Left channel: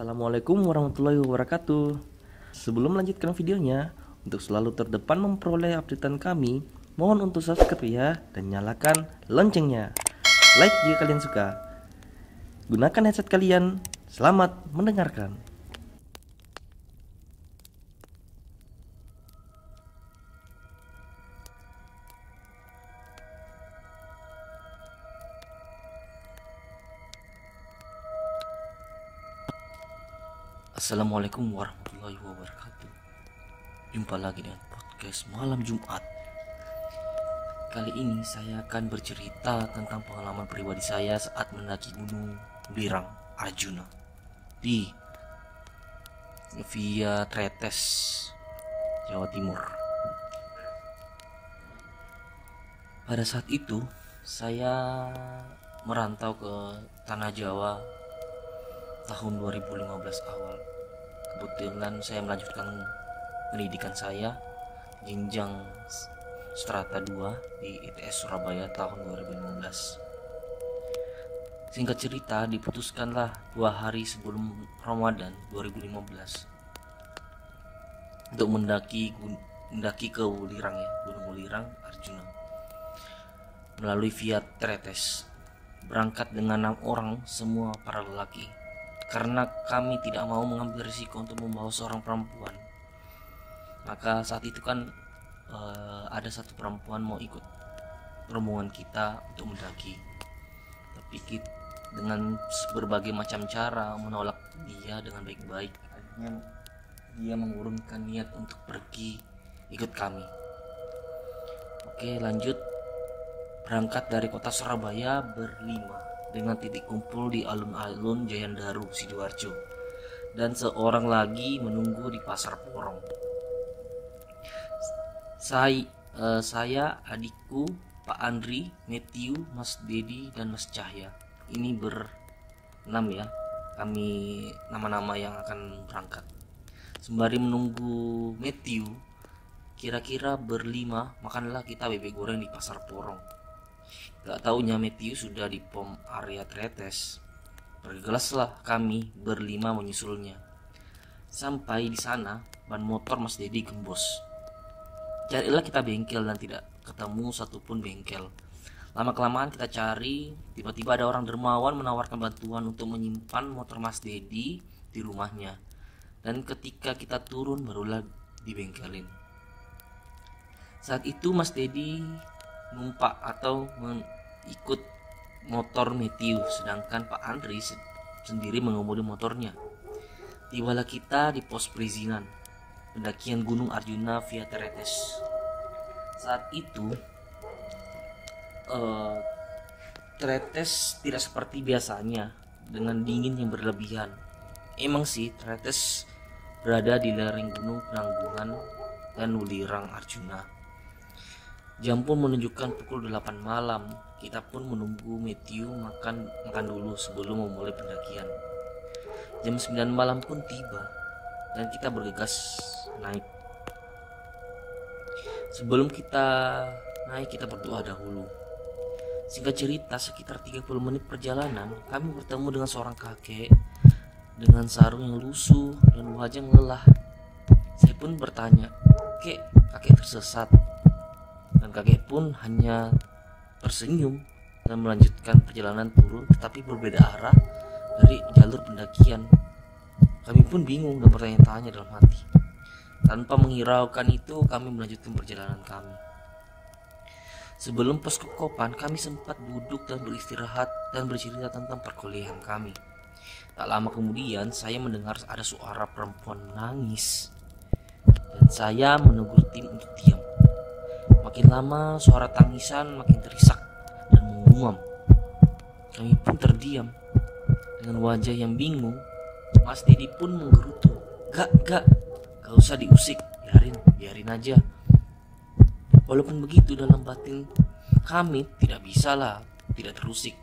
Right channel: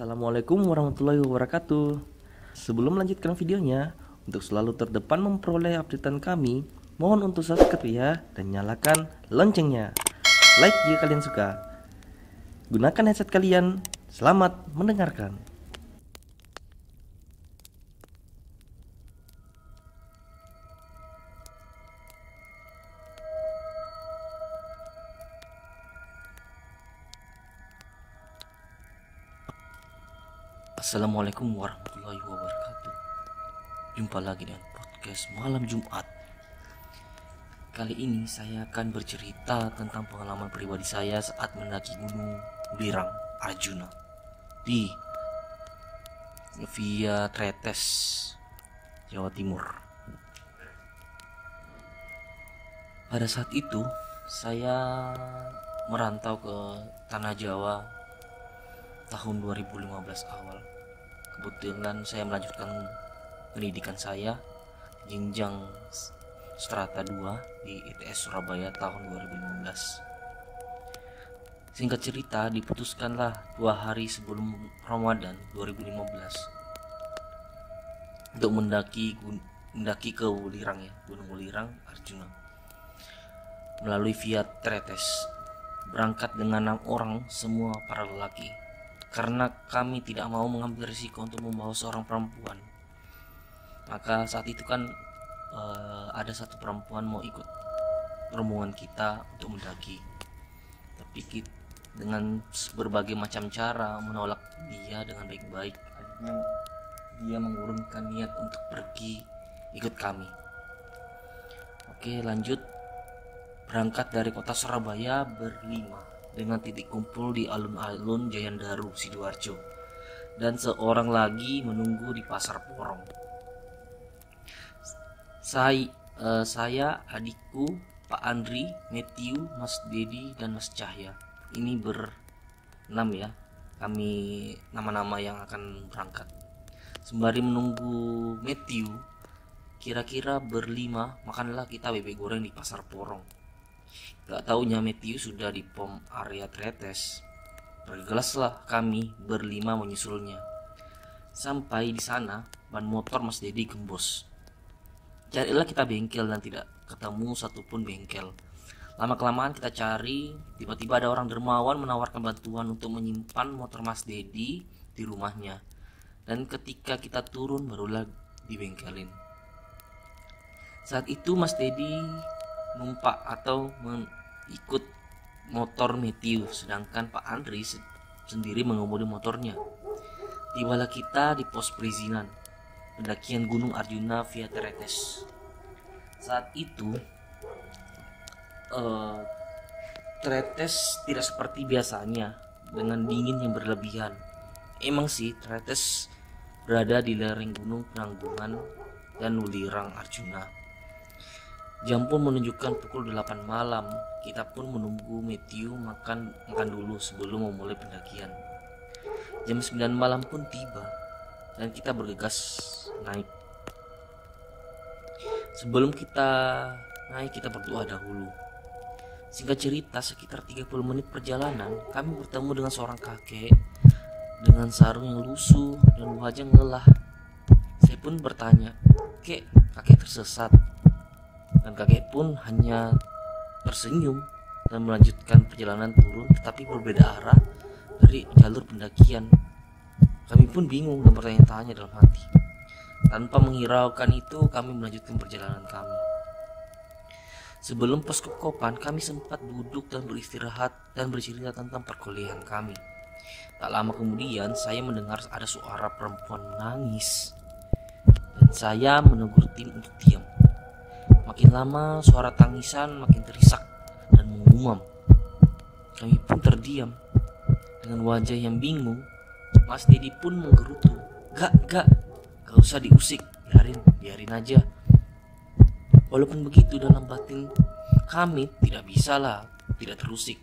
Assalamualaikum warahmatullahi wabarakatuh. Sebelum melanjutkan videonya, untuk selalu terdepan memperoleh updatean kami, mohon untuk subscribe ya dan nyalakan loncengnya. Like jika kalian suka. Gunakan headset kalian. Selamat mendengarkan. Assalamualaikum warahmatullahi wabarakatuh. Jumpa lagi dengan podcast malam Jumat. Kali ini saya akan bercerita tentang pengalaman pribadi saya saat mendaki Gunung Welirang Arjuna di Via Tretes, Jawa Timur. Pada saat itu saya merantau ke Tanah Jawa tahun 2015 awal. Kebetulan saya melanjutkan pendidikan saya jenjang strata 2 di ITS Surabaya tahun 2015. Singkat cerita, diputuskanlah 2 hari sebelum Ramadan 2015 untuk mendaki ke Welirang Gunung Welirang Arjuna melalui Via Tretes. Berangkat dengan 6 orang, semua para lelaki, karena kami tidak mau mengambil risiko untuk membawa seorang perempuan. Maka saat itu kan ada satu perempuan mau ikut rombongan kita untuk mendaki, tapi dengan berbagai macam cara menolak dia dengan baik-baik. Akhirnya dia mengurungkan niat untuk pergi ikut kami. Oke, lanjut. Berangkat dari kota Surabaya berlima dengan titik kumpul di alun-alun Jayandaru, Sidoarjo, dan seorang lagi menunggu di Pasar Porong. Saya, adikku, Pak Andri, Matthew, Mas Dedi, dan Mas Cahya. Ini berenam ya, kami nama-nama yang akan berangkat. Sembari menunggu Matthew, kira-kira berlima makanlah kita bebek goreng di Pasar Porong. Gak taunya Matthew sudah di pom area Tretes. Bergegaslah kami berlima menyusulnya. Sampai di sana, ban motor Mas Dedi gembos. Carilah kita bengkel dan tidak ketemu satupun bengkel. Lama-kelamaan kita cari, tiba-tiba ada orang dermawan menawarkan bantuan untuk menyimpan motor Mas Dedi di rumahnya. Dan ketika kita turun barulah dibengkelin. Saat itu Mas Dedi numpak atau mengikut motor Matthew, sedangkan Pak Andri sendiri mengemudi motornya. Tibalah kita di pos perizinan pendakian Gunung Arjuna Via Tretes. Saat itu Tretes tidak seperti biasanya dengan dingin yang berlebihan. Emang sih Tretes berada di lereng Gunung Penanggungan dan Welirang Arjuna. Jam pun menunjukkan pukul 8 malam. Kita pun menunggu Matthew makan dulu sebelum memulai pendakian. Jam 9 malam pun tiba dan kita bergegas naik. Sebelum kita naik, kita berdoa dahulu. Singkat cerita, sekitar 30 menit perjalanan, kami bertemu dengan seorang kakek dengan sarung yang lusuh dan wajah lelah. Saya pun bertanya, "Kek, kakek tersesat?" Dan kakek pun hanya tersenyum dan melanjutkan perjalanan turun, tetapi berbeda arah dari jalur pendakian. Kami pun bingung dan bertanya-tanya dalam hati. Tanpa menghiraukan itu, kami melanjutkan perjalanan kami. Sebelum pos Kokopan, kami sempat duduk dan beristirahat dan bercerita tentang perkuliahan kami. Tak lama kemudian, saya mendengar ada suara perempuan menangis, dan saya menegur tim untuk diam. Makin lama suara tangisan makin terisak dan mengumam. Kami pun terdiam dengan wajah yang bingung. Mas Dedi pun menggerutu, Gak usah diusik, biarin aja." Walaupun begitu, dalam batin kami tidak terusik.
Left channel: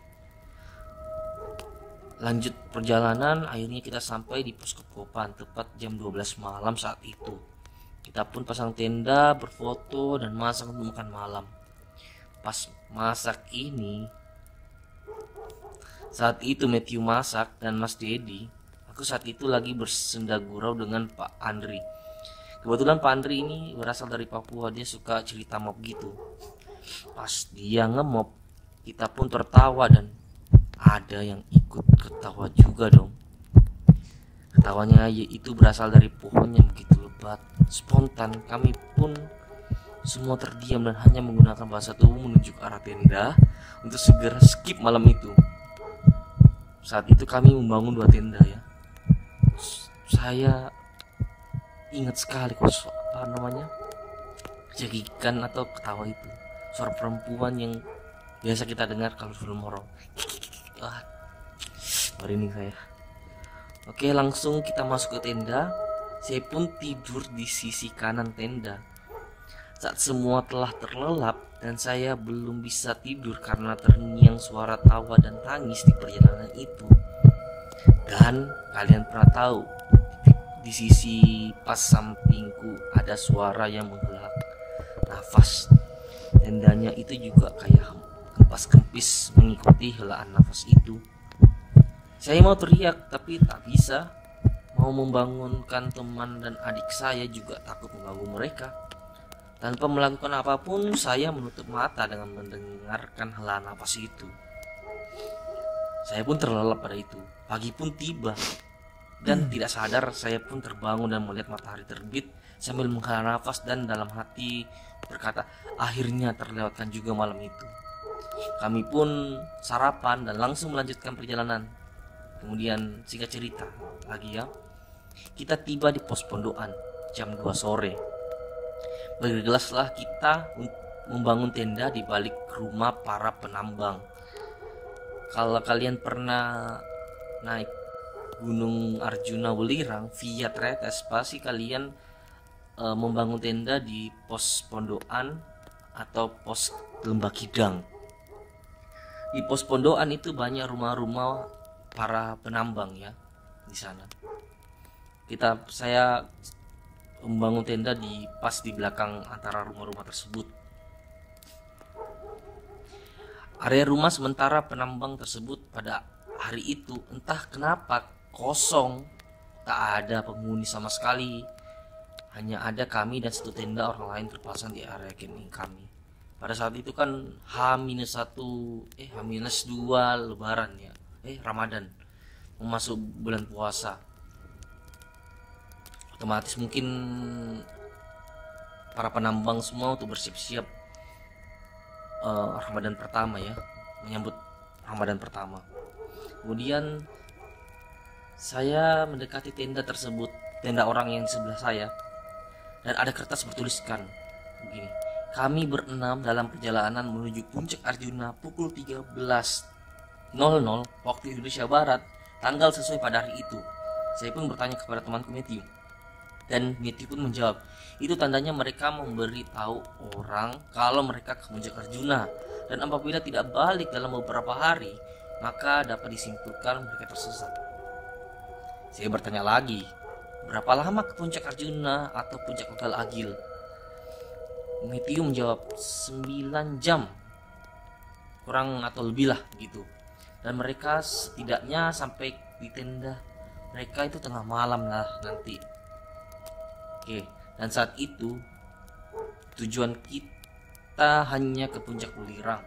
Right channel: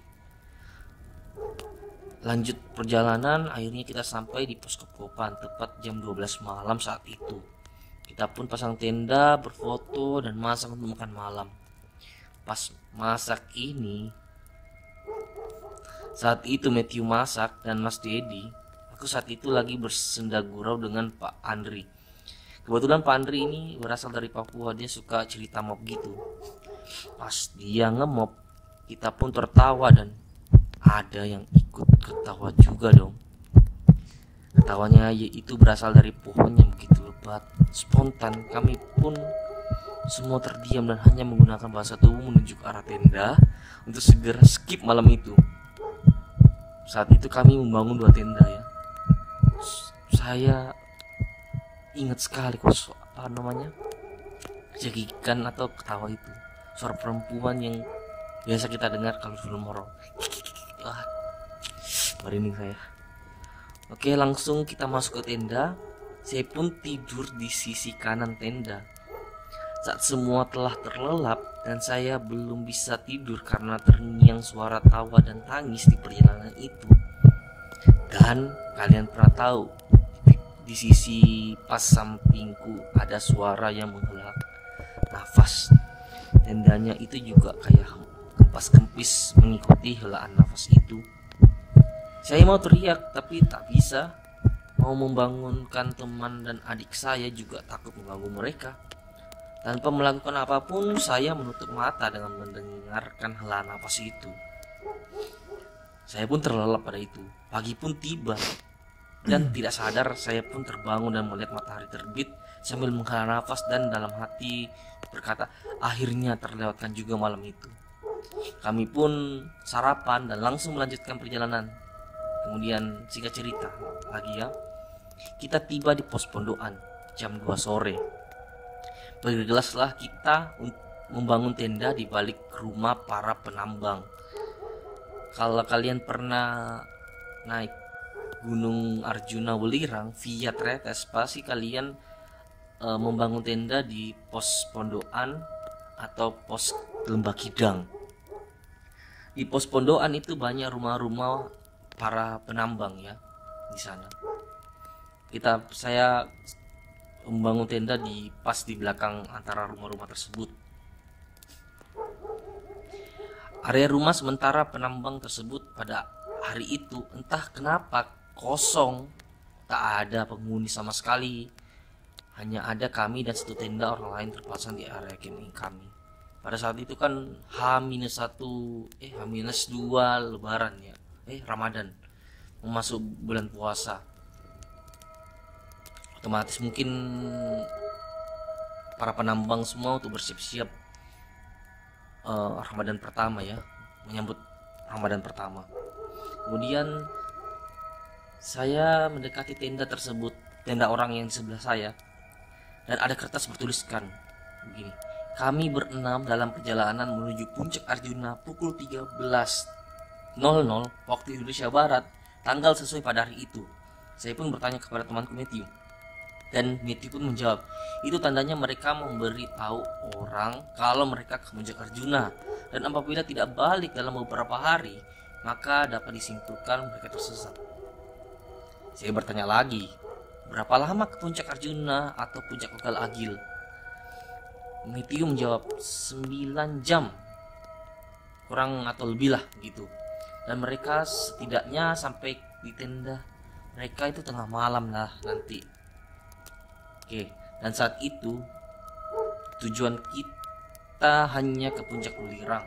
Lanjut perjalanan, akhirnya kita sampai di pos Kokopan tepat jam 12 malam saat itu. Kita pun pasang tenda, berfoto, dan masak makan malam. Pas masak ini, saat itu Matthew masak dan Mas Dedi Aku saat itu lagi bersenda gurau dengan Pak Andri. Kebetulan Pak Andri ini berasal dari Papua, dia suka cerita mob gitu. Pas dia ngemop, kita pun tertawa dan ada yang ikut ketawa juga dong. Ketawanya aja itu berasal dari pohon yang begitu lebat. Spontan kami pun semua terdiam dan hanya menggunakan bahasa tubuh menuju ke arah tenda untuk segera skip malam itu. Saat itu kami membangun 2 tenda ya. Saya ingat sekali cekikan atau ketawa itu, suara perempuan yang biasa kita dengar kalau film horor. Merinding saya. Oke, langsung kita masuk ke tenda. Saya pun tidur di sisi kanan tenda. Saat semua telah terlelap dan saya belum bisa tidur karena terngiang suara tawa dan tangis di perjalanan itu. Dan kalian pernah tahu, di sisi pas sampingku ada suara yang menggelegar nafas. Tendanya itu juga kayak kempas-kempis mengikuti helaan nafas itu. Saya mau teriak tapi tak bisa. Mau membangunkan teman dan adik saya juga takut mengganggu mereka. Tanpa melakukan apapun, saya menutup mata dengan mendengarkan helaan nafas itu. Saya pun terlelap pada itu. Pagi pun tiba dan tidak sadar saya pun terbangun dan melihat matahari terbit sambil menghela nafas dan dalam hati berkata, akhirnya terlewatkan juga malam itu. Kami pun sarapan dan langsung melanjutkan perjalanan. Kemudian singkat cerita lagi ya, kita tiba di pos pondokan jam 2 sore. Bergegaslah kita membangun tenda di balik rumah para penambang. Kalau kalian pernah naik Gunung Arjuna Welirang via tretes, pasti kalian membangun tenda di pos pondokan atau pos Lembah Kidang. Di pos pondokan itu banyak rumah-rumah para penambang ya di sana. Saya membangun tenda pas di belakang antara rumah-rumah tersebut. Area rumah sementara penambang tersebut pada hari itu entah kenapa kosong, tak ada penghuni sama sekali. Hanya ada kami dan satu tenda orang lain terpasang di area camping kami. Pada saat itu kan H-1 H-2 Lebaran ya, Ramadan, masuk bulan puasa. Otomatis mungkin para penambang semua untuk bersiap-siap Ramadan pertama ya, menyambut Ramadan pertama. Kemudian saya mendekati tenda tersebut, tenda orang yang sebelah saya, dan ada kertas bertuliskan begini: kami berenam dalam perjalanan menuju puncak Arjuna pukul 13.00 waktu Indonesia Barat, tanggal sesuai pada hari itu. Saya pun bertanya kepada temanku Matthew, dan Matthew pun menjawab, itu tandanya mereka memberi tahu orang kalau mereka ke puncak Arjuna, dan apabila tidak balik dalam beberapa hari, maka dapat disimpulkan mereka tersesat. Saya bertanya lagi, berapa lama ke puncak Arjuna atau puncak Kokal Agil? Matthew menjawab 9 jam kurang atau lebih lah gitu. Dan mereka setidaknya sampai di tenda mereka itu tengah malam lah nanti. Oke, dan saat itu tujuan kita hanya ke puncak Welirang.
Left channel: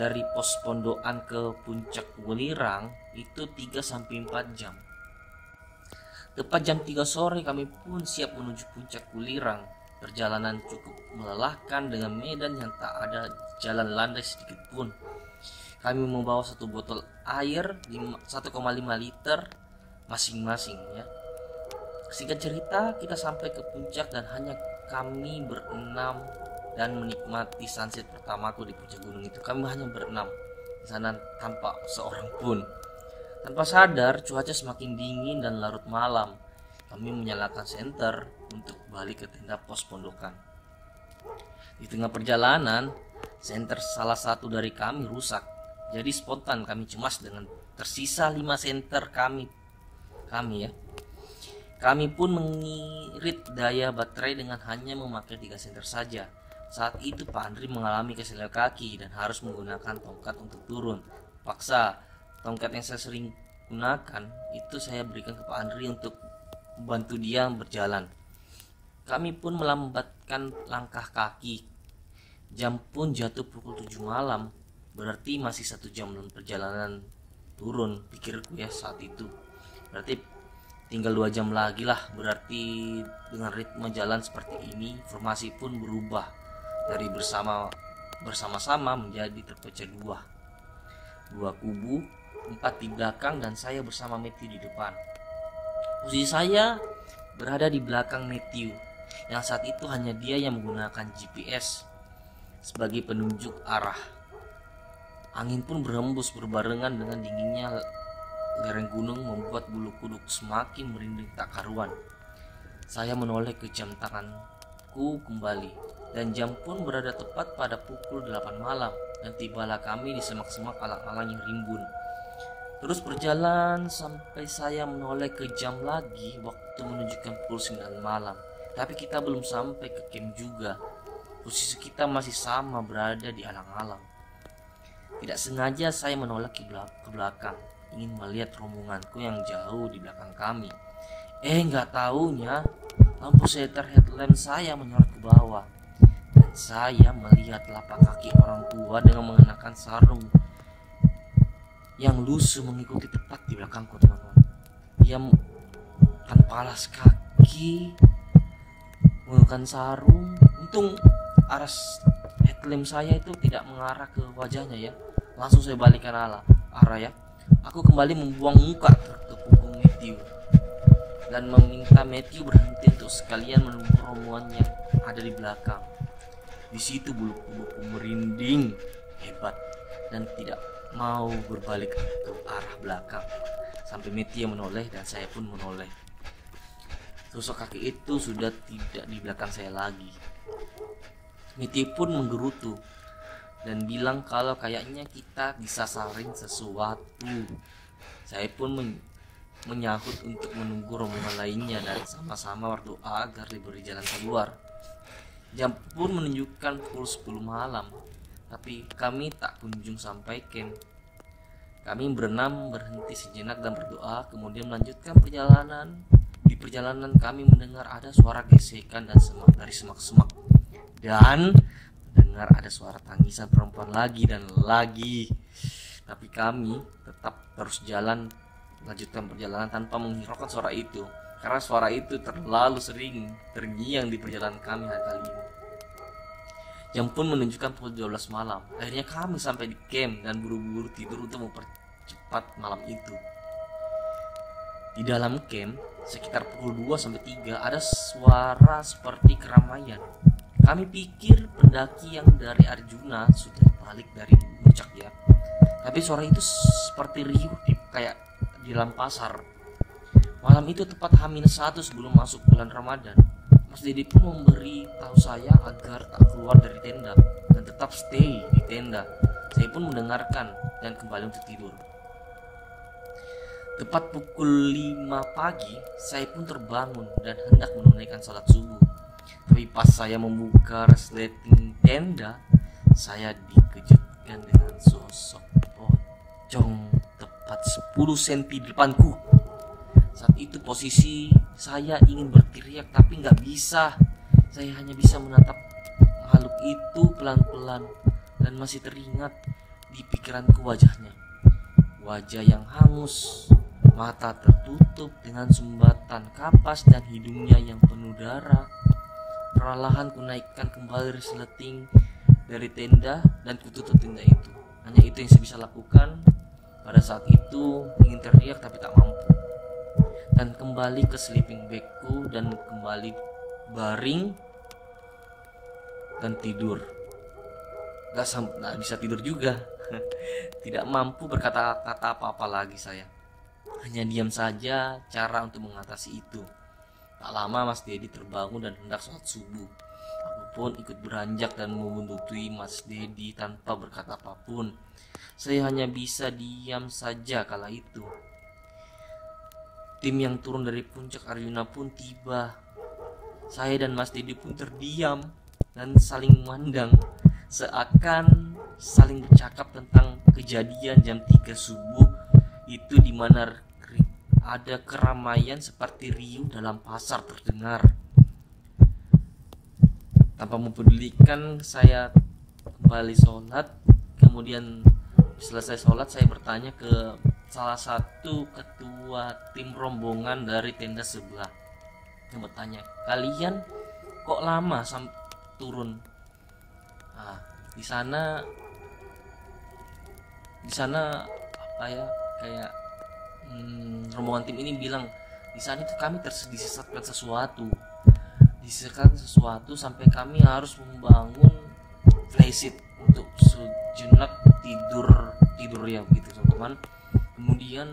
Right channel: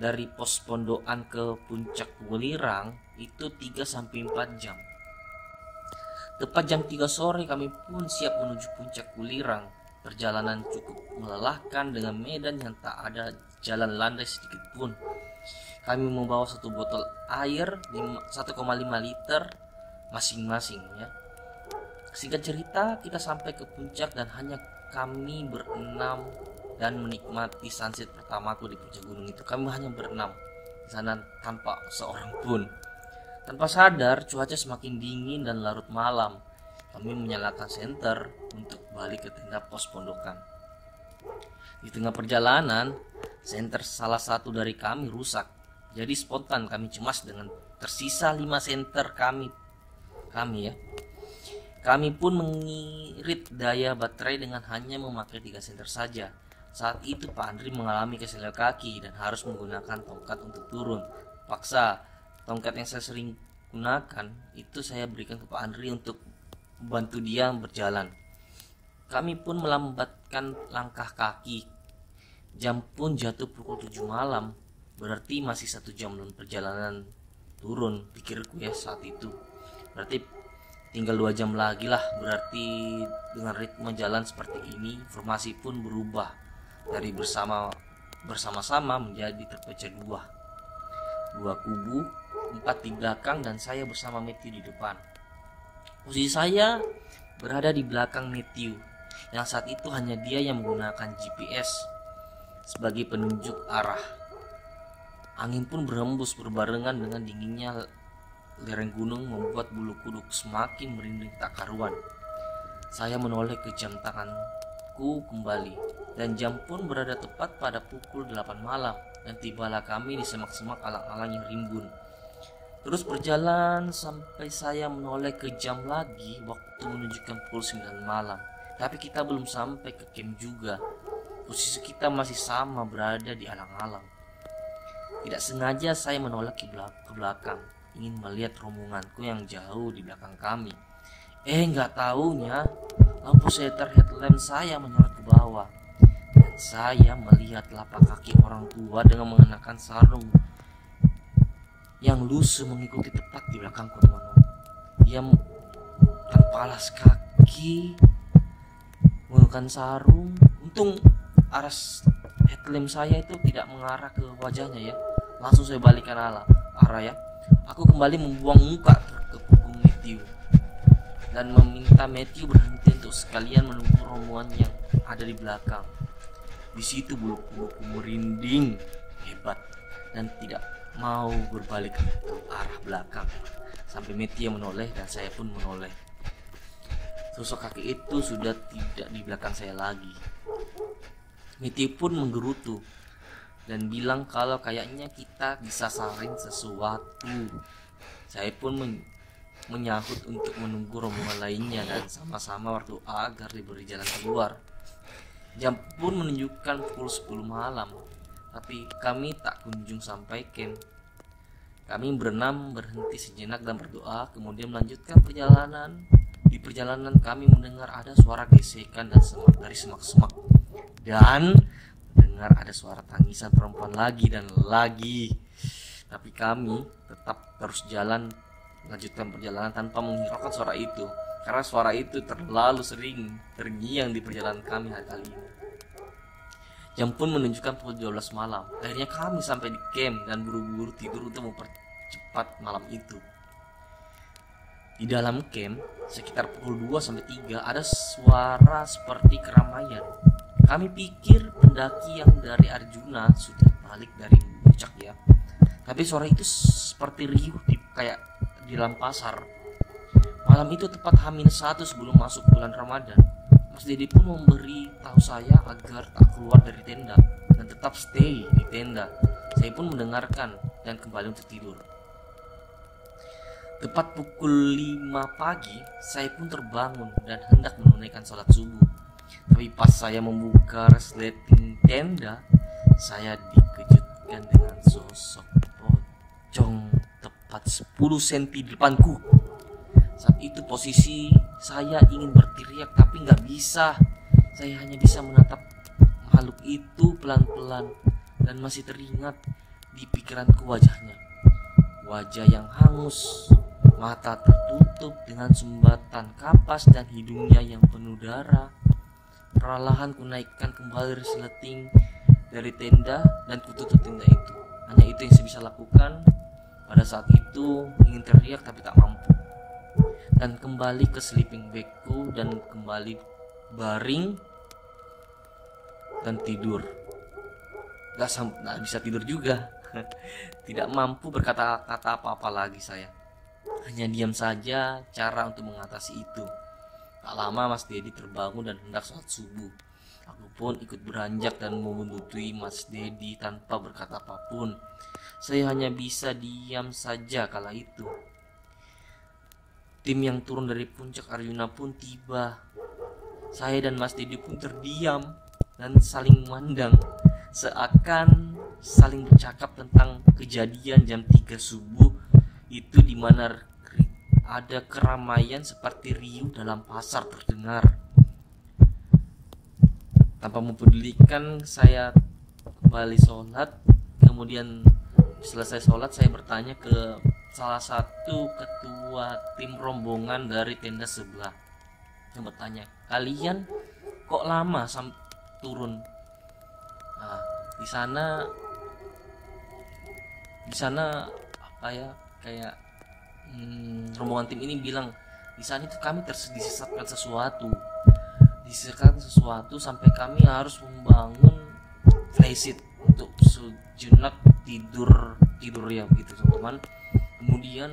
Dari pos pondokan ke puncak Welirang itu 3-4 jam. Tepat jam 3 sore kami pun siap menuju puncak Welirang. Perjalanan cukup melelahkan dengan medan yang tak ada jalan landai sedikit pun. Kami membawa 1 botol air 1,5 liter masing-masing ya. Singkat cerita, kita sampai ke puncak dan hanya kami berenam dan menikmati sunset pertamaku di puncak gunung itu. Kami hanya berenam di sana tanpa seorang pun. Tanpa sadar, cuaca semakin dingin dan larut malam. Kami menyalakan senter untuk balik ke tenda pos pondokan. Di tengah perjalanan, senter salah satu dari kami rusak. Jadi spontan kami cemas dengan tersisa 5 senter kami ya. Kami pun mengirit daya baterai dengan hanya memakai 3 senter saja. Saat itu Pak Andri mengalami keselan kaki dan harus menggunakan tongkat untuk turun. Paksa, tongkat yang saya sering gunakan itu saya berikan ke Pak Andri untuk membantu dia berjalan. Kami pun melambatkan langkah kaki. Jam pun jatuh pukul 7 malam. Berarti masih 1 jam belum perjalanan turun, pikirku ya saat itu. Berarti tinggal 2 jam lagi lah. Berarti dengan ritme jalan seperti ini, formasi pun berubah dari bersama-sama menjadi terpecah dua kubu, 4 di belakang dan saya bersama Matthew di depan. Posisi saya berada di belakang Matthew, yang saat itu hanya dia yang menggunakan GPS sebagai penunjuk arah. Angin pun berembus berbarengan dengan dinginnya lereng gunung membuat bulu kuduk semakin merinding tak karuan. Saya menoleh ke jam tanganku kembali, dan jam pun berada tepat pada pukul 8 malam, dan tibalah kami di semak-semak alang-alang yang rimbun. Terus berjalan sampai saya menoleh ke jam lagi, waktu menunjukkan pukul 9 malam. Tapi kita belum sampai ke camp juga. Posisi kita masih sama, berada di alang-alang. Tidak sengaja saya menoleh ke belakang, ingin melihat rombonganku yang jauh di belakang kami. Nggak taunya lampu setar headlamp saya menoleh ke bawah, dan saya melihat lapak kaki orang tua dengan mengenakan sarung yang lusuh mengikuti tepat di belakangku. Dia tanpa alas kaki, menggunakan sarung. Untung alas headlamp saya itu tidak mengarah ke wajahnya ya. Langsung saya balikkan arah ya. Aku kembali membuang muka ke punggung Matthew dan meminta Matthew berhenti untuk sekalian menunggu rombongan yang ada di belakang. Di situ bulu-buluku merinding hebat dan tidak mau berbalik ke arah belakang. Sampai Matthew yang menoleh dan saya pun menoleh. Tusuk kaki itu sudah tidak di belakang saya lagi. Matthew pun menggerutu dan bilang kalau kayaknya kita bisa saling sesuatu. Saya pun menyahut untuk menunggu rombongan lainnya dan sama-sama berdoa agar diberi jalan keluar. Jam pun menunjukkan pukul 10 malam, tapi kami tak kunjung sampai camp. Kami berenam berhenti sejenak dan berdoa, kemudian melanjutkan perjalanan. Di perjalanan kami mendengar ada suara gesekan dan dari semak-semak, dan dengar ada suara tangisan perempuan lagi dan lagi. Tapi kami tetap terus jalan, melanjutkan perjalanan tanpa menghiraukan suara itu, karena suara itu terlalu sering terngiang di perjalanan kami kali ini. Jam pun menunjukkan pukul 12 malam. Akhirnya kami sampai di camp dan buru-buru tidur untuk mempercepat malam itu. Di dalam camp, sekitar pukul 2-3 ada suara seperti keramaian. Kami pikir pendaki yang dari Arjuna sudah balik dari puncak ya. Tapi suara itu seperti riuh kayak di dalam pasar. Malam itu tepat H-1 sebelum masuk bulan Ramadan. Mas Dedi pun memberi tahu saya agar tak keluar dari tenda dan tetap stay di tenda. Saya pun mendengarkan dan kembali untuk tidur. Tepat pukul 5 pagi, saya pun terbangun dan hendak menunaikan salat subuh. Tapi pas saya membuka resleting tenda, saya dikejutkan dengan sosok pocong tepat 10 cm di depanku. Saat itu posisi saya ingin berteriak tapi nggak bisa. Saya hanya bisa menatap makhluk itu pelan-pelan dan masih teringat di pikiranku wajahnya. Wajah yang hangus, mata tertutup dengan sumbatan kapas dan hidungnya yang penuh darah. Perlahan kunaikkan kembali resleting dari tenda dan kututup tenda itu. Hanya itu yang saya bisa lakukan pada saat itu, ingin teriak tapi tak mampu. Dan kembali ke sleeping bagku dan kembali baring dan tidur. Gak bisa tidur juga. Tidak mampu berkata-kata apa-apa lagi saya. Hanya diam saja cara untuk mengatasi itu. Tak lama Mas Dedi terbangun dan hendak sholat subuh. Aku pun ikut beranjak dan membuntui Mas Dedi tanpa berkata apapun. Saya hanya bisa diam saja kala itu. Tim yang turun dari puncak Arjuna pun tiba. Saya dan Mas Dedi pun terdiam dan saling memandang, seakan saling bercakap tentang kejadian jam 3 subuh itu di mana ada keramaian seperti riuh dalam pasar terdengar. Tanpa mempedulikan, saya kembali sholat. Kemudian selesai sholat, saya bertanya ke salah satu ketua tim rombongan dari tenda sebelah. Saya bertanya, kalian kok lama turun? Nah, di sana apa ya, kayak rombongan tim ini bilang, di sana kami disesatkan sampai kami harus membangun flysheet untuk sejenak tidur ya gitu teman-teman. Kemudian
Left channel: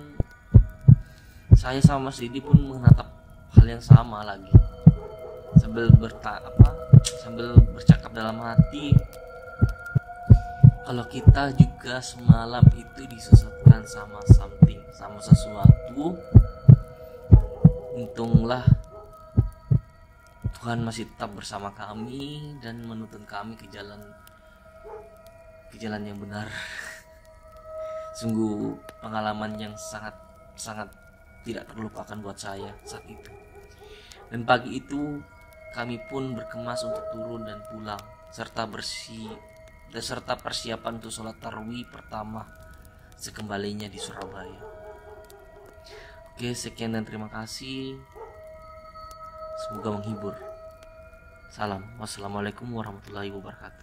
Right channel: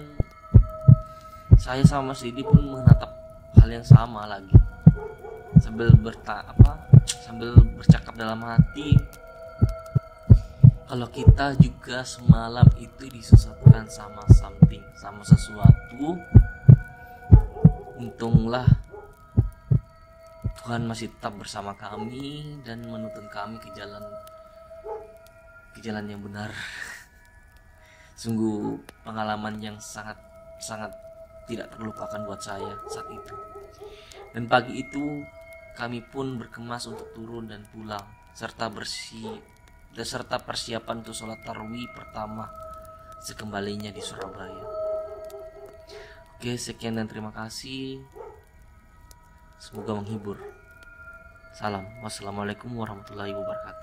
saya sama Mas Didi pun menatap hal yang sama lagi sambil bercakap dalam hati, kalau kita juga semalam itu disesatkan sama sesuatu, untunglah Tuhan masih tetap bersama kami dan menuntun kami ke jalan yang benar. Sungguh pengalaman yang sangat tidak terlupakan buat saya saat itu. Dan pagi itu kami pun berkemas untuk turun dan pulang serta persiapan untuk sholat tarawih pertama sekembalinya di Surabaya. Oke, sekian dan terima kasih. Semoga menghibur. Salam. Wassalamualaikum warahmatullahi wabarakatuh.